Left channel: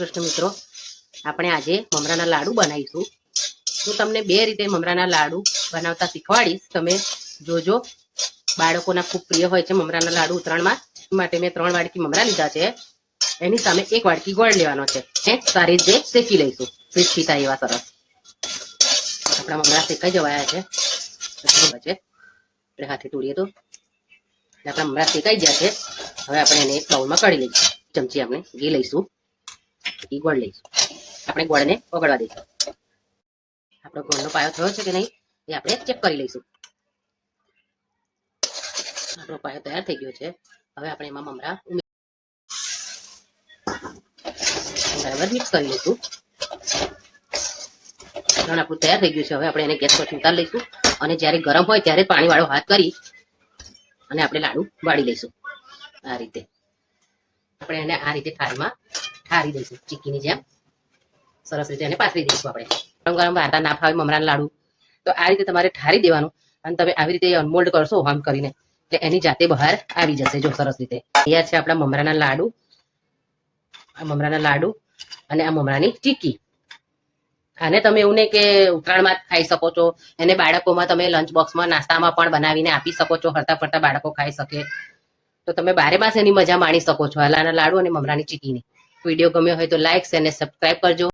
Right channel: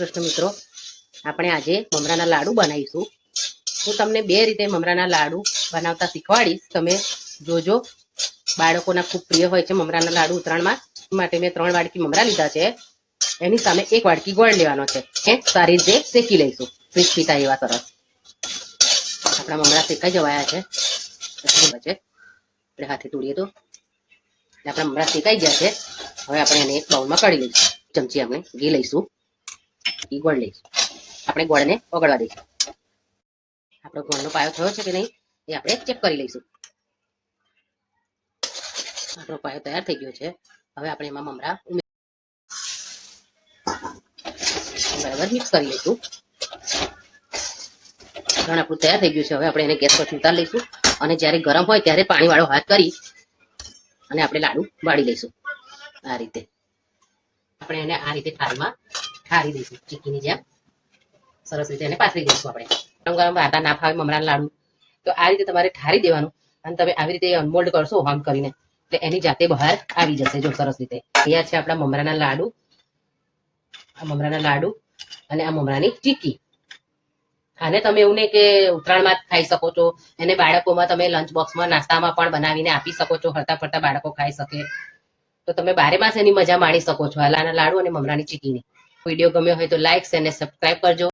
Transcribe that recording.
કૃષ્ણ મિત્રો, આપણે આજે મમરાના લાડુ બનાવીશું. હું તમને બે રીતે મમરાના લાડુ બનાવતા શીખવાડીશ. તમે જોજો. બાળકોના ખૂબ પ્રિય હોય છે મમરાના લાડુ ઉત્તરાયણમાં. માટે મેં 3 વાડકી મમરા લીધા છે. એની સામે 1 વાડકી ગોળ લેવાનો છે. સારી રીતે શેકી લઈશું. ક્રિસ્પી થાય એવા સરસ. આપણા મમરા શેકાઈ જવાયા છે. આપણે હાથે તોડીએ તો આપણા મમરા શેકાઈ ગયા છે. હવે આપણે એને એક બાઉલમાં કાઢી લઈશું. ચમચી આપણે ઘી લઈશું. ગોળ લઈશું. આપણે ગોળને ઓગળવા દઈશું. આપણો ગોળનો પાયો થયો છે કે નહીં એ આપણે ચેક કરી લઈશું. આપણો પાયો તૈયાર થઈ ગયો છે. હવે આપણે એમાં મમરા બરાબર મિક્સ કરી લઈશું. આપણું તૈયાર થઈ ગયું છે. હવે આપણે એને ગેસ પરથી ઉતારી લઈશું અને જ્યારે ગરમ હોય ત્યારે પાણીવાળો હાથ કરી અને આપણે લાડુ વાળી લઈશું. આ રીતે આપણે એને આ રીતે થાળીમાં ઠારી દઈશું. ચીક્કીની જેમ સરસ રીતે એને પાથરી દઈશું. આપણે ગરમ ગરમ આટા ના ફાવે મમરાના લાડુ તો આ રીતે તમારે ઠારી દેવાનું અને તમે આવી રીતે અનમોલ્ડ કરશો આમ કરીને એટલે એની જાતે બહાર આવી જશે. જો સરસ રીતે તૈયાર છે આપણા મમરાના લાડુ. આ મમરાના લાડુ અને આ મમરાની ચીક્કી. આને તમે એવું નહીં કે ઉત્તરાયણમાં જ ખાઈ શકો છો. એને બાળકોમાં તમે લંચ બોક્સમાં નાસ્તામાં પણ બનાવીને આપી શકો છો. હરતા ફરતા બાળકો ખાઈ શકે તો તમે 12 માસ એની મજા માણી શકો છો. આલાના લાડુ અને મમરાની ચીક્કીની. વિડીયો ગમ્યો હોય તો લાઈક અને સબસ્ક્રાઇબ કરજો.